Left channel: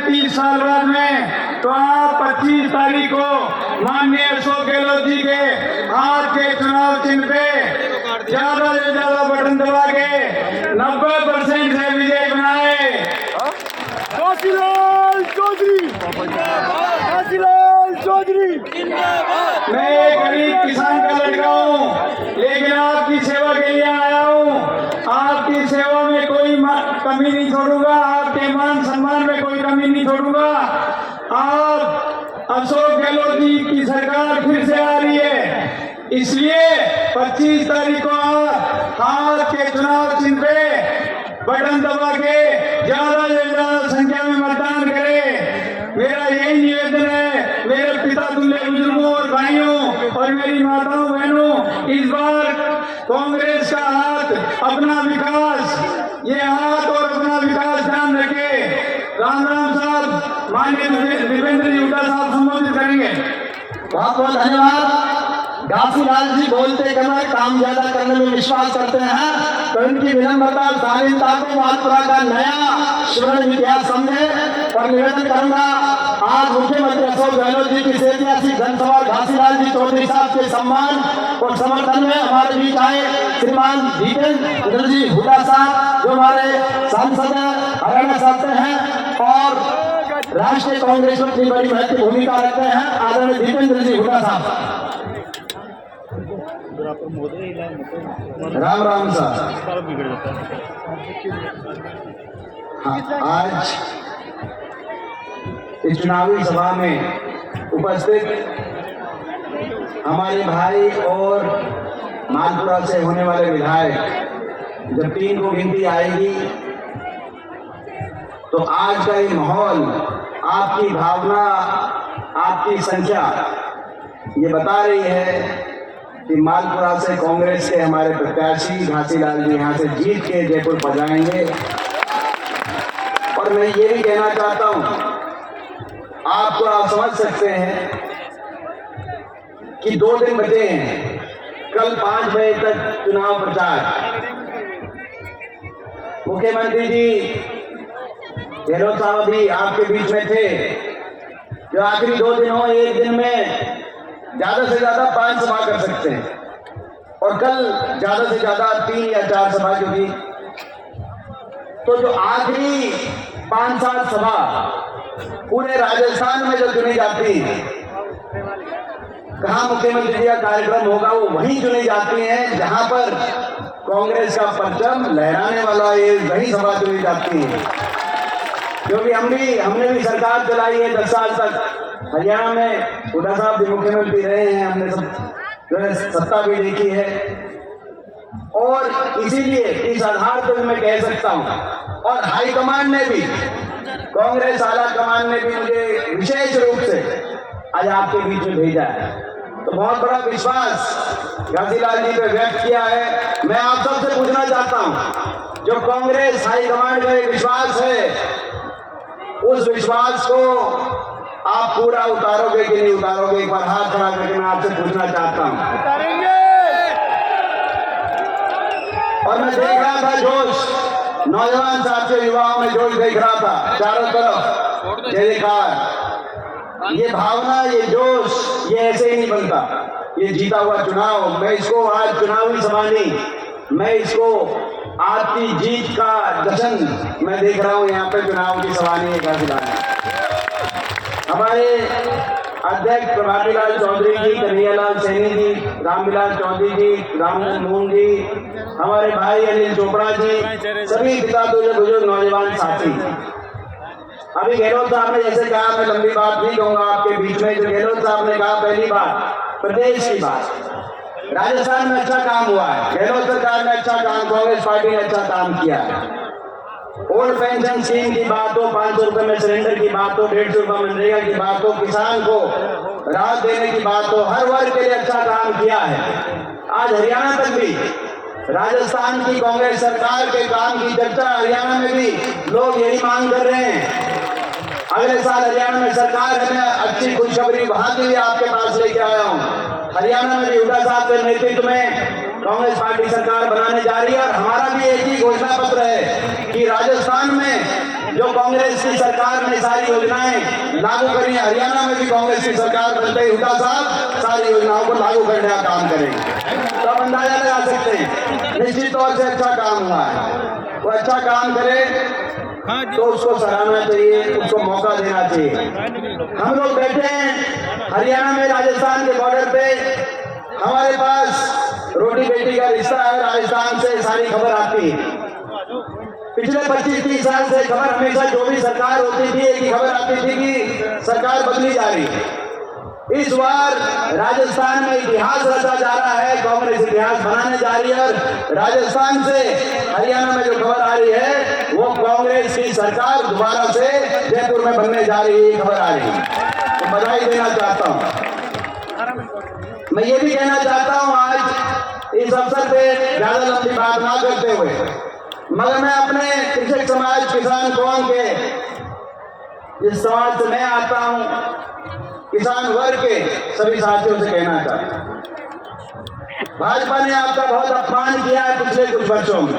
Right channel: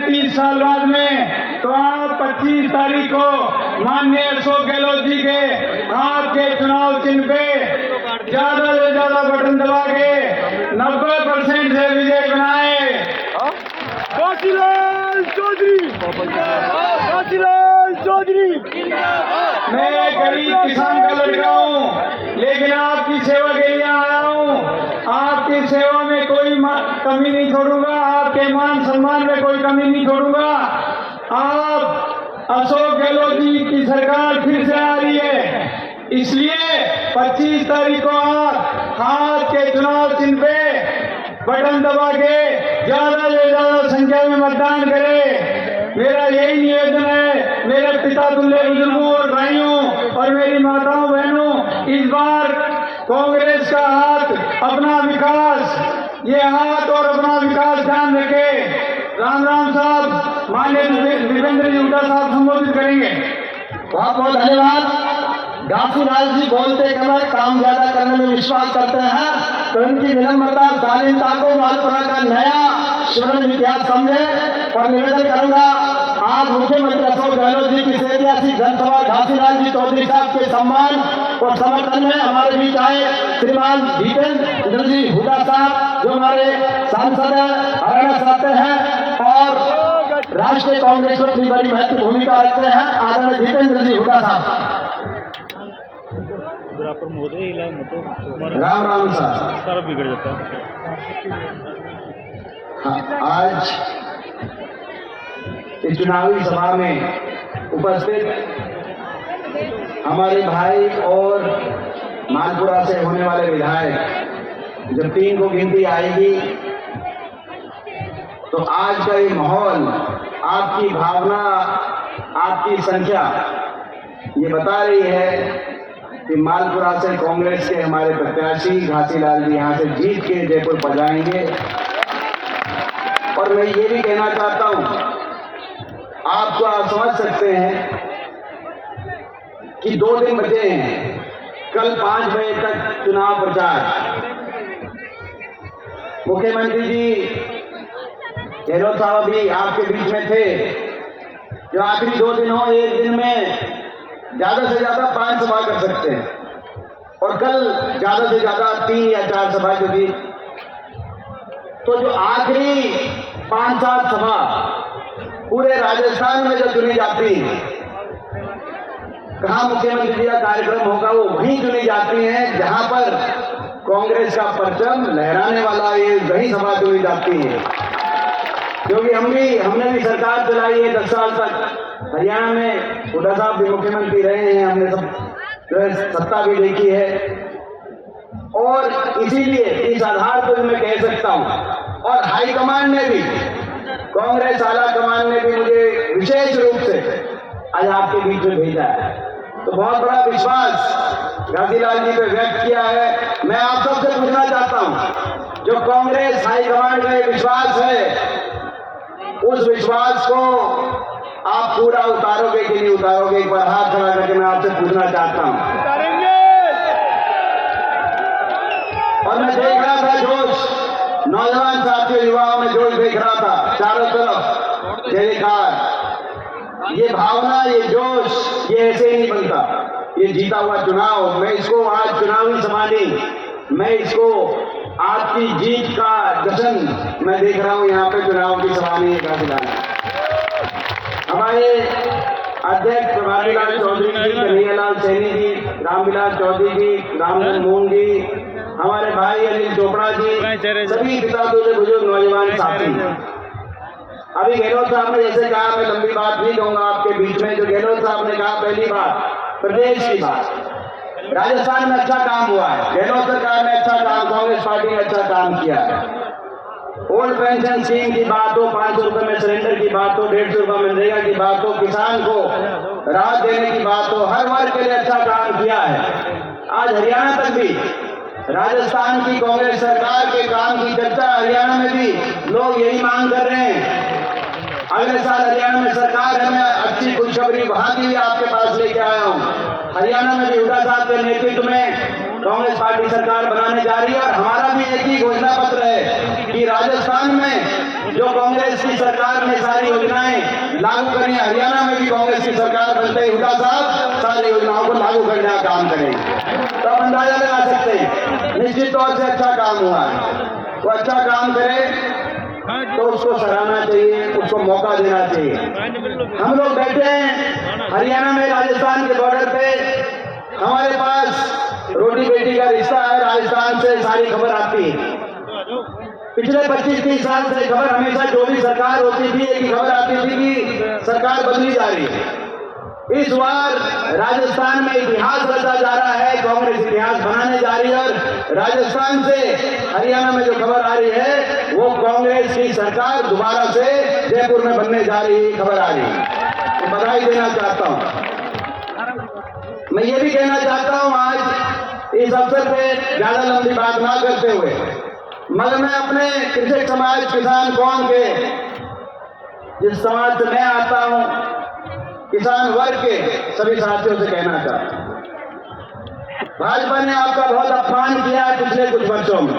30 साल बाद में, तो आप 25 तारीख को माननीय अशोक गहलोत जी के हाथ के चुनाव चिन्ह पे ज्यादा से ज्यादा बटन दबा के 90% से विजय बनाए। काशीलाल चौधरी, काशीलाल चौधरी। मैं एक गरीब किसान का लड़का हूँ, लेकिन आपकी सेवा के लिए आया हूँ। आपकी सेवा में कोई कमी नहीं छोड़ूंगा, आपके मान सम्मान में कोई कमी नहीं छोड़ूंगा। आप अशोक गहलोत जी की सरकार फिर से आ रही है, इसलिए 25 तारीख को आप हाथ के चुनाव चिन्ह पे बटन दबा के ज्यादा से ज्यादा संख्या में मतदान करें। मेरा यही निवेदन है मेरे पिता तुल्य बुजुर्गों और भाइयों और मेरी माताओं बहनों, इस बार कांग्रेस का हाथ, अपना विकास, ये हाथ और अपना विकास ध्यान रखे। राम राम साहब, माननीय दीपेंद्र जी हुड्डा साहब संबोधित करेंगे। बहुत बहुत धन्यवाद। घासीलाल जी बोलते कलर काम ज्यादा करने में विश्वास करते हैं, तो उनकी विनम्रता शालीनता को मालपुरा का नया श्रवण इतिहास समझे। और निवेदन करूंगा, आज मुख्यमंत्री अशोक गहलोत जी की ऐतिहासिक जनसभा घासीलाल जी चौधरी साहब के सम्मान और समर्थन में हमारे बीच आए श्रीमान दीपेंद्र जी हुड्डा साहब, जो हमारे सांसद हरियाणा से हैं और राष्ट्रीय कांग्रेस में बड़ी महत्वपूर्ण भूमिका रखते हैं। आदरणीय दीपेंद्र जी हुड्डा साहब। राम राम साहब। बिगड़ जाता है। आज इस चुनावी सभा में उपस्थित हमारे भाई और मालपुरा से होने वाले विधायक, जब 3 को गिनती आएगी तो आज का ये माहौल, आपकी भावना, आपकी संख्या ये बता रही है कि मालपुरा से कांग्रेस के हमारे प्रत्याशी घासीलाल जी यहाँ से जीत के जयपुर पधारेंगे। और मैं ये भी कहना चाहता हूँ, आपको आप समझ सकते हैं कि 2 दिन बचे हैं, कल 5 बजे तक चुनाव प्रचार। मुख्यमंत्री जी गहलोत साहब भी आपके बीच में थे, जो आखिरी 2 दिन हो, एक दिन में ज्यादा से ज्यादा 5 सभा कर सकते हैं, और कल ज्यादा से ज्यादा 3 या 4 सभा की थी। तो जो आखिरी 5-7 सभा पूरे राजस्थान में जो चुनी जाती है, कहाँ मुख्यमंत्री जी का कार्यक्रम होगा, वो वहीं चुनी जाती है जहां पर कांग्रेस का परचम लहराने वाला ये वही सभा चुनी जाती है। क्योंकि हमने भी सरकार चलाई है 10 साल तक, हरियाणा में हुड्डा साहब भी मुख्यमंत्री रहे हैं, हमने सब जो है सत्ता भी देखी है। और इसीलिए इस आधार पर मैं कह सकता हूं, और हाईकमान ने भी, कांग्रेस आला कमान ने भी मुझे विशेष रूप से आज आपके बीच में भेजा है, तो बहुत बड़ा विश्वास घासीलाल जी पे व्यक्त किया है। मैं आप सबसे पूछना चाहता हूं, जो कांग्रेस हाईकमान का विश्वास है, उस विश्वास को आप पूरा उतारोगे कि नहीं उतारोगे? एक बार हाथ खड़ा करके मैं आपसे पूछना चाहता हूं। उतारेंगे। और मैं देख रहा था जोश, नौजवान साथी युवाओं में जोश देख रहा था चारों तरफ, जयकार, ये भावना, ये जोश, ये ऐसे ही नहीं बनता। ये जीता हुआ चुनाव, मैं इसको आज चुनावी सभा नहीं, मैं इसको आपकी जीत का जश्न मैं देख रहा हूं। यहाँ पे चुनाव की सभा नहीं है। हमारे अध्यक्ष प्रभातीलाल चौधरी जी, कन्हैयालाल सैनी जी, रामविलास चौधरी जी, राममोहन मोहन जी, हमारे भाई अनिल चोपड़ा जी, सभी पिता बुजुर्ग नौजवान साथी। अभी गहलोत साहब ने जैसे कहा, मैं लंबी बात नहीं कहूंगा आपके बीच में, जो गहलोत साहब ने कहा, पहली बात प्रदेश की बात, राजस्थान में अच्छा काम हुआ है, गहलोत सरकार ने अच्छा काम, कांग्रेस पार्टी ने अच्छा काम किया है। ओल्ड पेंशन स्कीम की बात हो, 500 रुपए में सिलेंडर की बात हो, 150 रुपए मनरेगा की बात हो, किसान को राहत देने की बात हो, हर वर्ग के लिए अच्छा काम किया है। आज हरियाणा तक भी राजस्थान की कांग्रेस सरकार के काम की चर्चा हरियाणा में भी लोग यही मांग कर रहे हैं। अगले साल हरियाणा में सरकार है, मैं अच्छी खुशखबरी वहां की आपके पास लेके आया हूँ। हरियाणा में भी हुड्डा साहब के नेतृत्व में कांग्रेस पार्टी सरकार बनाने जा रही है, और हमारा भी एक ही घोषणा पत्र है कि राजस्थान में जो कांग्रेस की सरकार ने सारी योजनाएं लागू करी, हरियाणा में भी कांग्रेस की सरकार बनते ही हुड्डा साहब सारी योजनाओं को लागू करने का काम करेंगे। तब अंदाजा लगा सकते हैं निश्चित तौर से अच्छा काम हुआ है। वो अच्छा काम करे तो उसको सराहना चाहिए, उसको मौका देना चाहिए। हम लोग बैठे हैं हरियाणा में, राजस्थान के बॉर्डर पे, हमारे पास रोटी बेटी का रिश्ता है। राजस्थान से सारी खबर आती है। पिछले 25-30 साल से खबर हमेशा जो भी सरकार होती थी एक ही खबर आती थी कि सरकार बदली जा रही है। इस बार राजस्थान में इतिहास रचा जा रहा है, कांग्रेस इतिहास बनाने जा रही है और राजस्थान से हरियाणा में जो खबर आ रही है वो कांग्रेस की सरकार दोबारा से जयपुर में बनने जा रही है, खबर आ रही है। तो बधाई देना चाहता हूँ। मैं ये भी कहना चाहता हूँ आज इस अवसर पे ज्यादा लंबी बात ना करते हुए, मगर मैं अपने कृषक समाज, किसान कौम के जिस समाज से मैं आता हूँ, किसान वर्ग के सभी साथियों से कहना चाहता हूँ, भाजपा ने आपका बहुत अपमान किया है पिछले कुछ वर्षों में।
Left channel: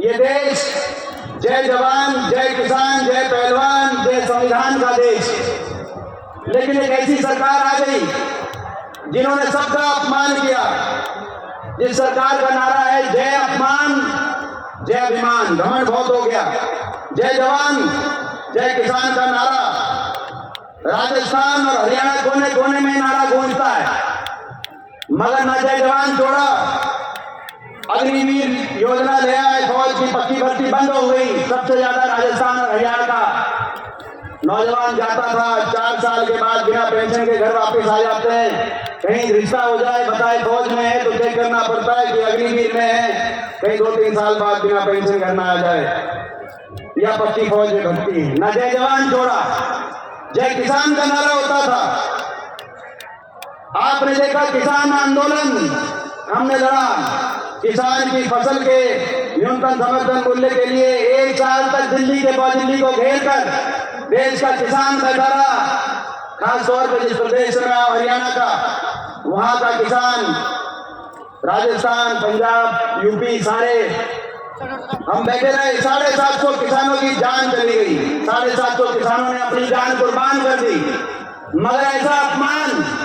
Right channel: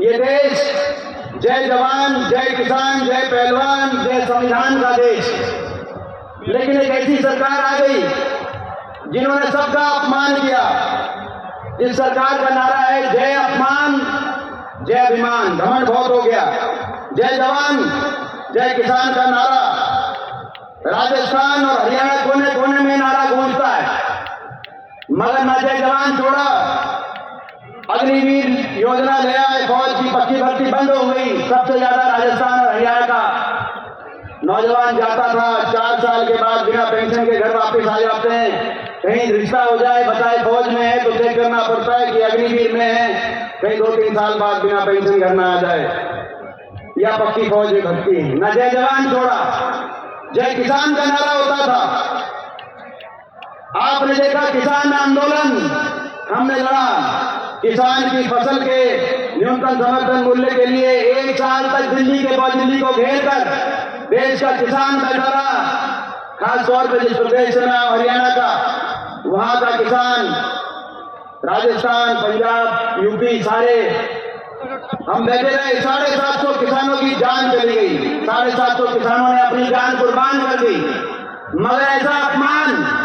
ये देश जय जवान, जय किसान, जय पहलवान, जय संविधान का देश, लेकिन एक ऐसी सरकार आ गई जिन्होंने सबका अपमान किया। जिस सरकार का नारा है जय अपमान, जय अभिमान, घमंड बहुत हो गया। जय जवान, जय किसान का नारा राजस्थान और हरियाणा कोने कोने में नारा गूंजता है, मगर न जय जवान छोड़ा। अग्निवीर योजना ले आए, फौज की पक्की भर्ती बंद हो गई। सबसे ज्यादा राजस्थान और हरियाणा का नौजवान जाता था 4 साल के बाद बिना पेंशन के घर वापस आ जाते हैं। कहीं रिश्ता हो जाए, बताए फौज में है तो चेक करना पड़ता है कि अग्निवीर में है, कहीं 2-3 साल बाद बिना पेंशन घर में आ जाए या पक्की फौज में भर्ती। न जय जवान छोड़ा, जय किसान का नारा होता था। आपने देखा किसान आंदोलन हमने लड़ा, किसान की फसल के न्यूनतम समर्थन मूल्य के लिए 1 साल तक दिल्ली को घेर कर देश का किसान बैठा रहा। खास तौर पर जिस प्रदेश में हरियाणा का, वहां का किसान, राजस्थान, पंजाब, यूपी, सारे हम बैठे रहे। 750 किसानों की जान चली गई, 750 किसानों ने अपनी जान कुर्बान कर दी। मगर ऐसा अपमान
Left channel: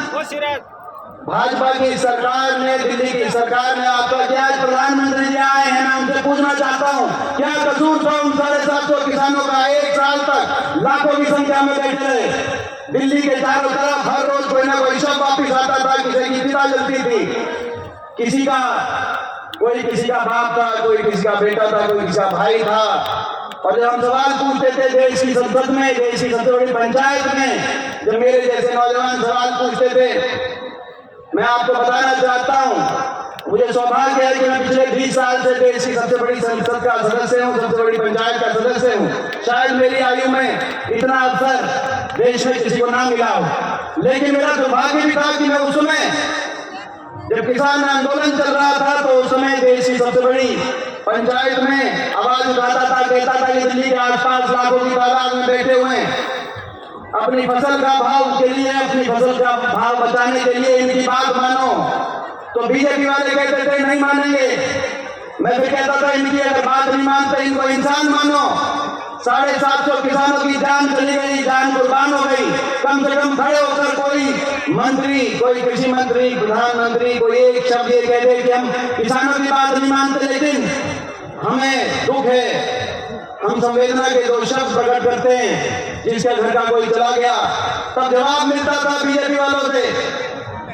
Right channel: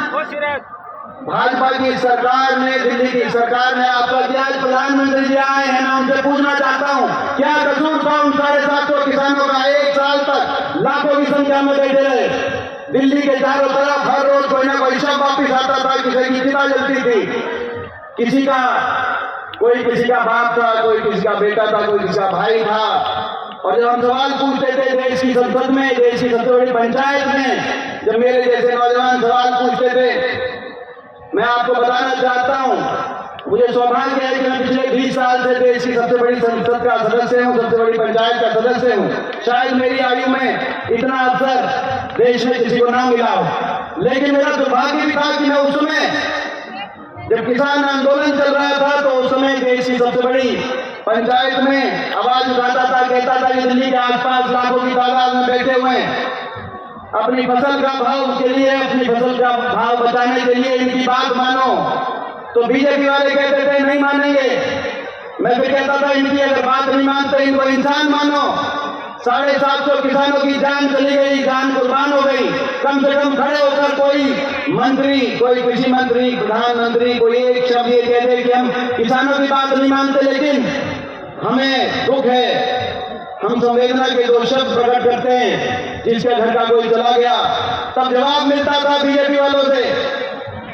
भाजपा की सरकार ने, दिल्ली की सरकार ने आपका किया। आज प्रधानमंत्री जी आए हैं, मैं उनसे पूछना चाहता हूँ क्या कसूर था उन 750 किसानों का? 1 साल तक लाखों की संख्या में बैठे रहे। दिल्ली के चारों तरफ हर रोज कोई ना कोई शव वापिस आता था, किसी की चिता जलती थी, कोई किसी का बाप था, कोई किसी का बेटा था, कोई किसी का भाई था। और जब हम सवाल पूछते थे देश की संसद में, देश की सबसे बड़ी पंचायत में, जब मेरे जैसे नौजवान सवाल पूछते थे, मैं आपको बताना चाहता हूं, मुझे सौभाग्य है कि मैं पिछले 20 साल से देश की सबसे बड़ी संसद का सदस्य हूं, सबसे बड़ी पंचायत का सदस्य हूं। शायद मेरी आयु में इतना अवसर देश में किसी को ना मिला हो, लेकिन मेरा दुर्भाग्य भी था कि मैं उस समय जब किसान आंदोलन चल रहा था तो उस समय देश की सबसे बड़ी पंचायत में आवाज उठाता था, कहता था कि दिल्ली के आसपास लाखों की तादाद में बैठे हुए हैं, अपनी फसल का भाव के लिए, अपनी फसल का भाव बचाने के लिए इनकी बात मानो। तो बीजेपी वाले कहते थे नहीं मानेंगे। मैं भी कहता था इनकी अगर बात नहीं मानते इनको इंसान मानो। 750 किसानों की जान चली गई, जान कुर्बान हो गई। कम से कम खड़े होकर कोई मंत्री, कोई कृषि मंत्री, प्रधानमंत्री कोई एक शब्द ये कह दे कि हम किसानों की बात नहीं मानते, लेकिन हमें दुख है, हम संवेदना के 2 शब्द प्रकट करते हैं, जिसका घर का कोई चला गया। तब जवाब मिलता था बीजेपी वालों से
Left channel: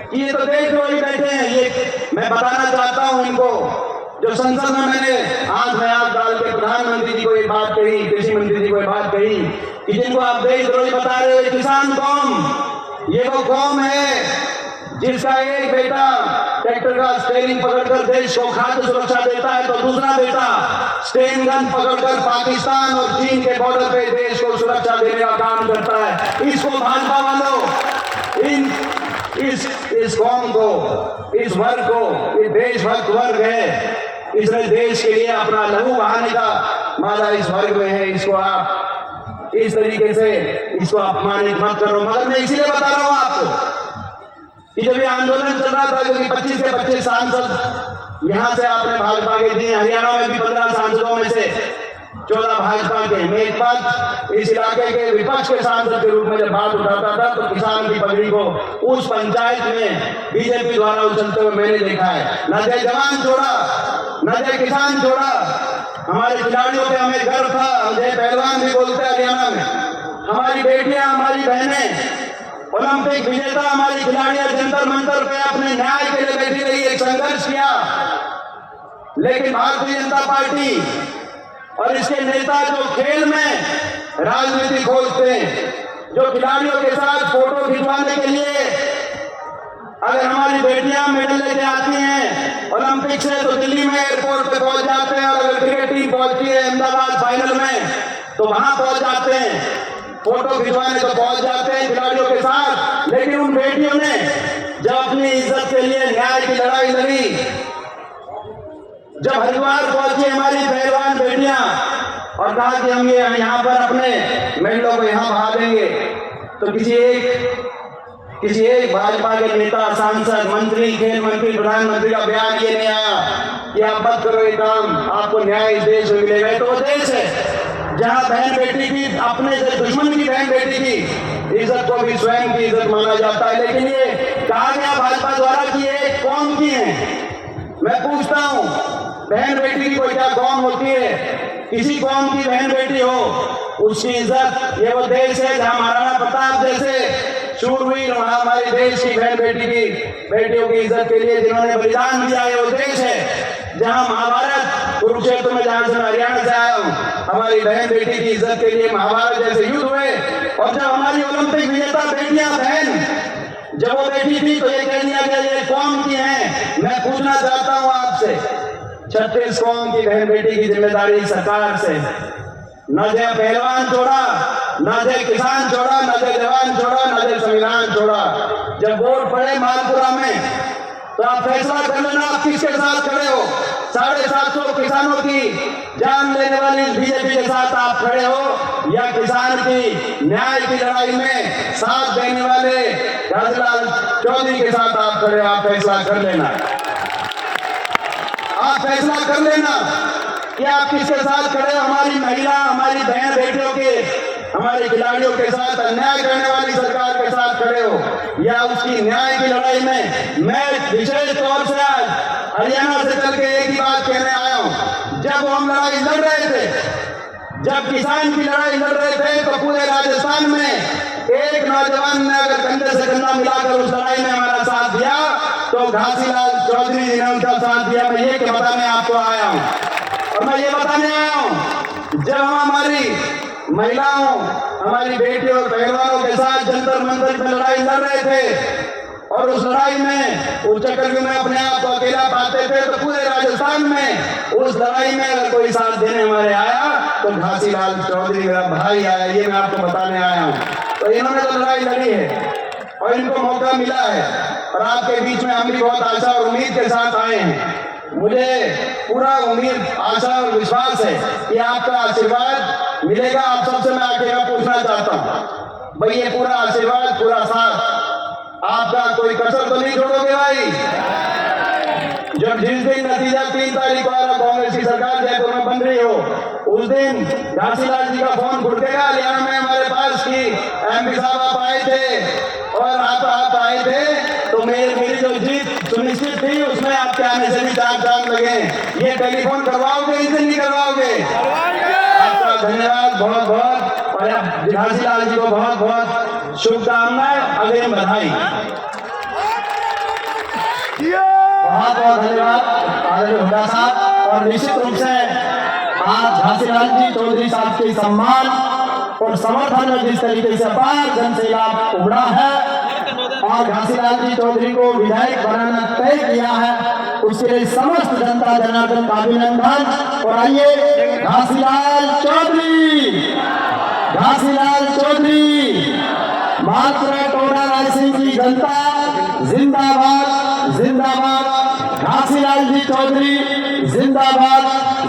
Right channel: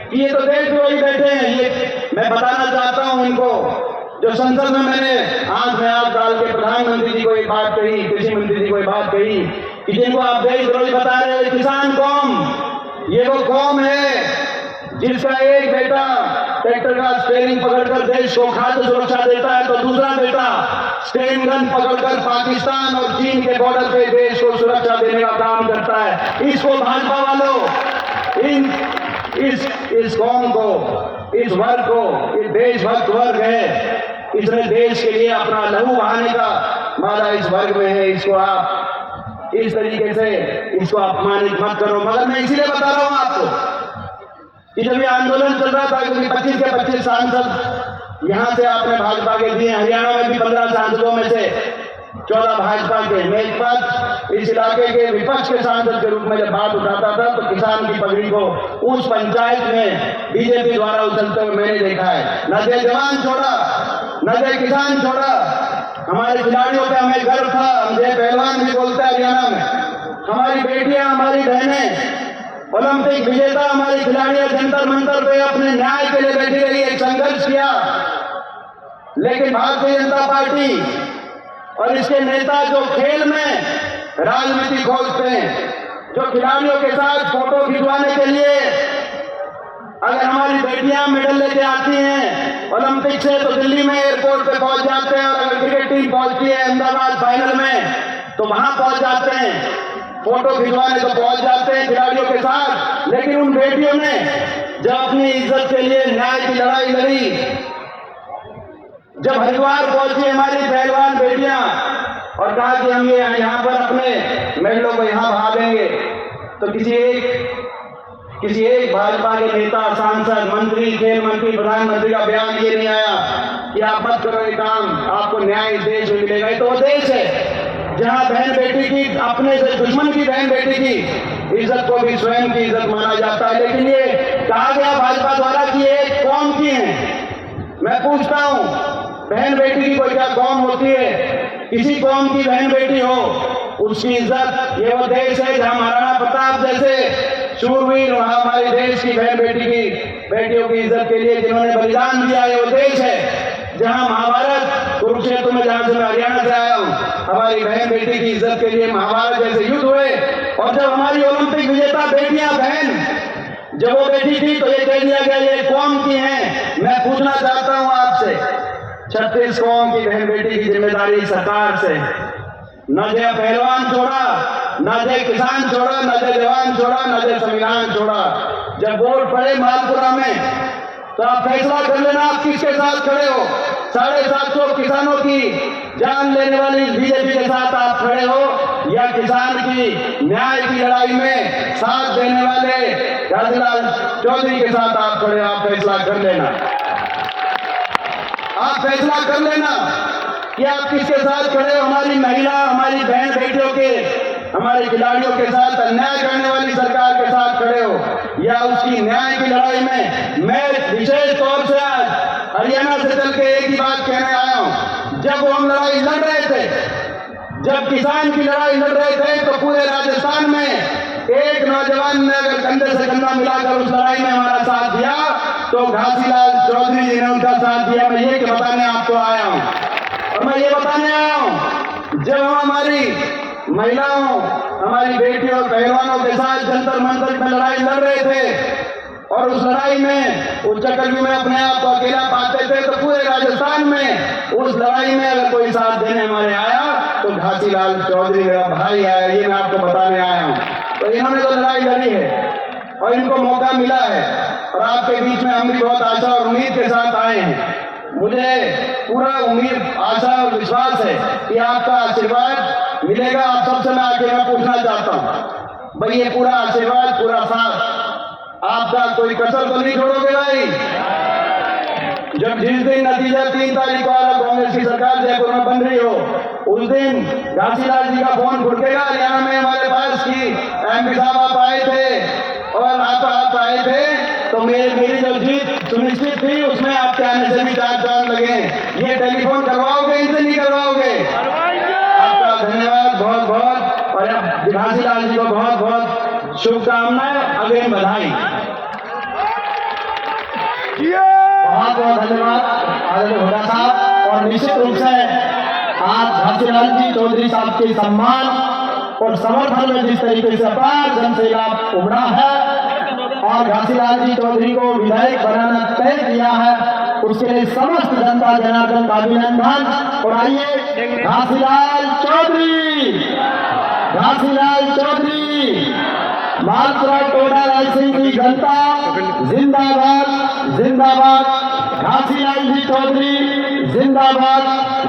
कि ये तो देशद्रोही बैठे हैं। ये मैं बताना चाहता हूं इनको, जो संसद में मैंने हाथ में हाथ डाल के प्रधानमंत्री जी को एक बात कही, कृषि मंत्री जी को एक बात कही कि जिनको आप देशद्रोही बता रहे हो, किसान कौम, ये वो कौम है जिसका एक बेटा ट्रैक्टर का स्टीयरिंग पकड़कर देश को खाद्य सुरक्षा देता है, तो दूसरा बेटा स्टेन गन पकड़कर पाकिस्तान और चीन के बॉर्डर पे देश को सुरक्षा देने का काम करता है। इसको भाजपा वालों, इस कौम को, इस वर्ग को, ये देशभक्त वर्ग है, इसने देश के लिए अपना लहू बहाने का वादा इस वर्ग में है। इसको आप इस तरीके से इसको अपमानित मत करो। मगर मैं इसीलिए बता रहा हूं आपको कि जब ये आंदोलन चल रहा था, क्योंकि 25 के 25 सांसद यहां से आपने भाजपा के दिए, हरियाणा में भी 15 सांसदों में से 14 भाजपा के मेघपत इस इलाके के विपक्ष के सांसद के रूप में जब बात उठाता था तो किसान की पगड़ी को उस पंचायत में बीजेपी द्वारा उछलते हुए मैंने देखा है। न जय जवान छोड़ा, न जय किसान छोड़ा। हमारे खिलाड़ियों पे हमें गर्व था, हम जय पहलवान भी बोलते हैं हरियाणा में। हमारी बेटियां, हमारी बहनें, ओलंपिक विजेता हमारी खिलाड़ियां जंतर मंतर पे अपने न्याय के लिए बैठी रही, एक संघर्ष किया। लेकिन भारतीय जनता पार्टी और इसके नेता जो खेल में राजनीति खोजते हैं, जो खिलाड़ियों के साथ फोटो खिंचवाने के लिए अगर हमारी बेटियां मेडल लेके आती हैं ओलंपिक से तो दिल्ली में एयरपोर्ट पे पहुंच जाते हैं, और अगर क्रिकेट टीम पहुंचती है अहमदाबाद फाइनल में तो वहां पहुंच जाते हैं, फोटो खिंचवाने तो पहुंच जाते हैं खिलाड़ियों के साथ। लेकिन उन बेटियों ने जब अपनी इज्जत के लिए न्याय की लड़ाई लड़ी, जब हरिद्वार पहुंची हमारी पहलवान बेटियां और कहा कि हम ये यहाँ पर अपने महिलाओं को यहाँ बहा देंगे, तो किसी एक भाजपा के नेता, सांसद, मंत्री, खेल मंत्री, प्रधानमंत्री का बयान ये नहीं आया कि आप मत करो ये काम, आपको न्याय इस देश में मिलेगा। तो वो देश है जहाँ बहन बेटी की, अपने से दुश्मन की बहन बेटी की इज्जत को भी स्वयं की इज्जत माना जाता है। लेकिन ये कहा गया भाजपा द्वारा कि ये कौम की है। मैं पूछता हूँ, बहन बेटी की कोई क्या कौम होती है? किसी कौम की बहन बेटी हो उसकी इज्जत, ये वो देश है जहाँ महाराणा प्रताप जैसे शूरवीर, वहां हमारे देश की बहन बेटियों की इज्जत के लिए जिन्होंने बलिदान दिया है, वो देश है जहाँ महाभारत, कुरुक्षेत्र में, जहां से मैं हरियाणा से आया हूँ, हमारी बहन बेटी की इज्जत के लिए महाभारत जैसे युद्ध हुए। और जब हमारी ओलंपिक विजेता बेटियां, बहन जब वो बेटी थी तो ये कह दिया गया ये कौम की है। मैं पूछना चाहता हूँ आपसे, 36 कौम की बहन बेटी की जिम्मेदारी सरकार से, न जय पहलवान छोड़ा, न जय किसान छोड़ा, न जय जवान छोड़ा, न जय संविधान छोड़ा। जब वोट पड़े मालपुरा में तो आप फैसला कर लेना आप किसके साथ खड़े हो। 750 किसानों की जान लेने वाली बीजेपी के साथ आप खड़े हो, या किसान की न्याय की लड़ाई में साथ देने वाले घासीलाल चौधरी के साथ आप खड़े हो। आप फैसला कर लेना, आप फैसला कर लेना कि आप किसके साथ खड़े हो। हमारी महिला, हमारी बहन बेटियों के, हमारे खिलाड़ियों के साथ अन्याय करने वाली सरकार के साथ खड़े हो, या उसकी न्याय की लड़ाई में। मैं विशेष तौर से आज हरियाणा से चल के एक ही बात कहने आया हूं। जब हम लड़ाई लड़ रहे थे, जब किसान की लड़ाई लड़ रहे थे, तो पूरे राजस्थान में एक नौजवान ने अगर कंधे से कंधा मिलाकर उस लड़ाई में हमारा साथ दिया तो घासीलाल चौधरी जी ने उनका साथ दिया। मैं ये बताने आपको आया हूँ, और मैं ये बताने आया हूँ, जब हम हमारी महिलाओं, हमारी बेटियों और पहलवानों के साथ जंतर मंतर में लड़ाई लड़ रहे थे, और उस लड़ाई में उस चक्रव्यूह में अपने आप को अकेला पाते थे, तो पूरे राजस्थान में उस लड़ाई में अगर कोई साथ देने हमारे आया तो घासीलाल चौधरी मेरा भाई आया। ये मैं आपको बताने आया हूँ। तो इन्होंने तो लड़ाई लड़ी है और इनको मौका मिला है, और आपके बीच में हम भी बहुत आशा और उम्मीद के साथ आए हैं। मुझे पूरा उम्मीद, आशा और विश्वास है कि आपका आशीर्वाद मिलेगा। आप सबसे मैं आके मैं पूछना चाहता हूँ, भाई ये पूरा आशीर्वाद, पूरा साथ आपका, कोई कसर तो नहीं छोड़ोगे भाई? जब जिस दिन नतीजा 3 तारीख को कांग्रेस की सरकार जयपुर में बन रही हो, उस दिन घासीलाल जी का फोन खुड़केगा। हरियाणा में हमारे पास की MP साहब आप आए थे और आप आए थे, तो मेरी जो जीत सुनिश्चित थी उसमें आपके आने से भी 4 चांद लगे। ये टेलीफोन करवाओगे, इनसे नहीं करवाओगे? आपका धन्यवाद बहुत बहुत, और घासीलाल जी को बहुत बहुत शुभकामनाएं, अग्रिम बधाई। बहुत बहुत धन्यवाद आदरणीय हुड्डा साहब। और निश्चित रूप से आज घासीलाल जी चौधरी साहब के सम्मान और समर्थन में जिस तरीके से अपार जनसैलाब उमड़ा है और घासीलाल जी चौधरी को विधायक बनाना तय किया है, उसके लिए समस्त जनता जनार्दन का अभिनंदन। और आइए घासीलाल चौधरी, मालपुरा टोडा रायसेन की जनता जिंदाबाद जिंदाबाद, घासीलाल जी चौधरी जिंदाबाद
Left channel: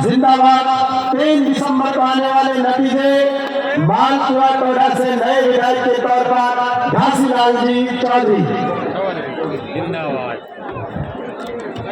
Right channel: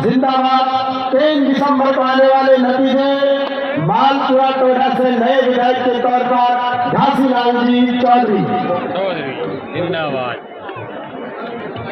जिंदाबाद। 3 दिसंबर को आने वाले नतीजे मालपुरा टोडा से नए विधायक के तौर पर घासीलाल जी चौधरी। धन्यवाद।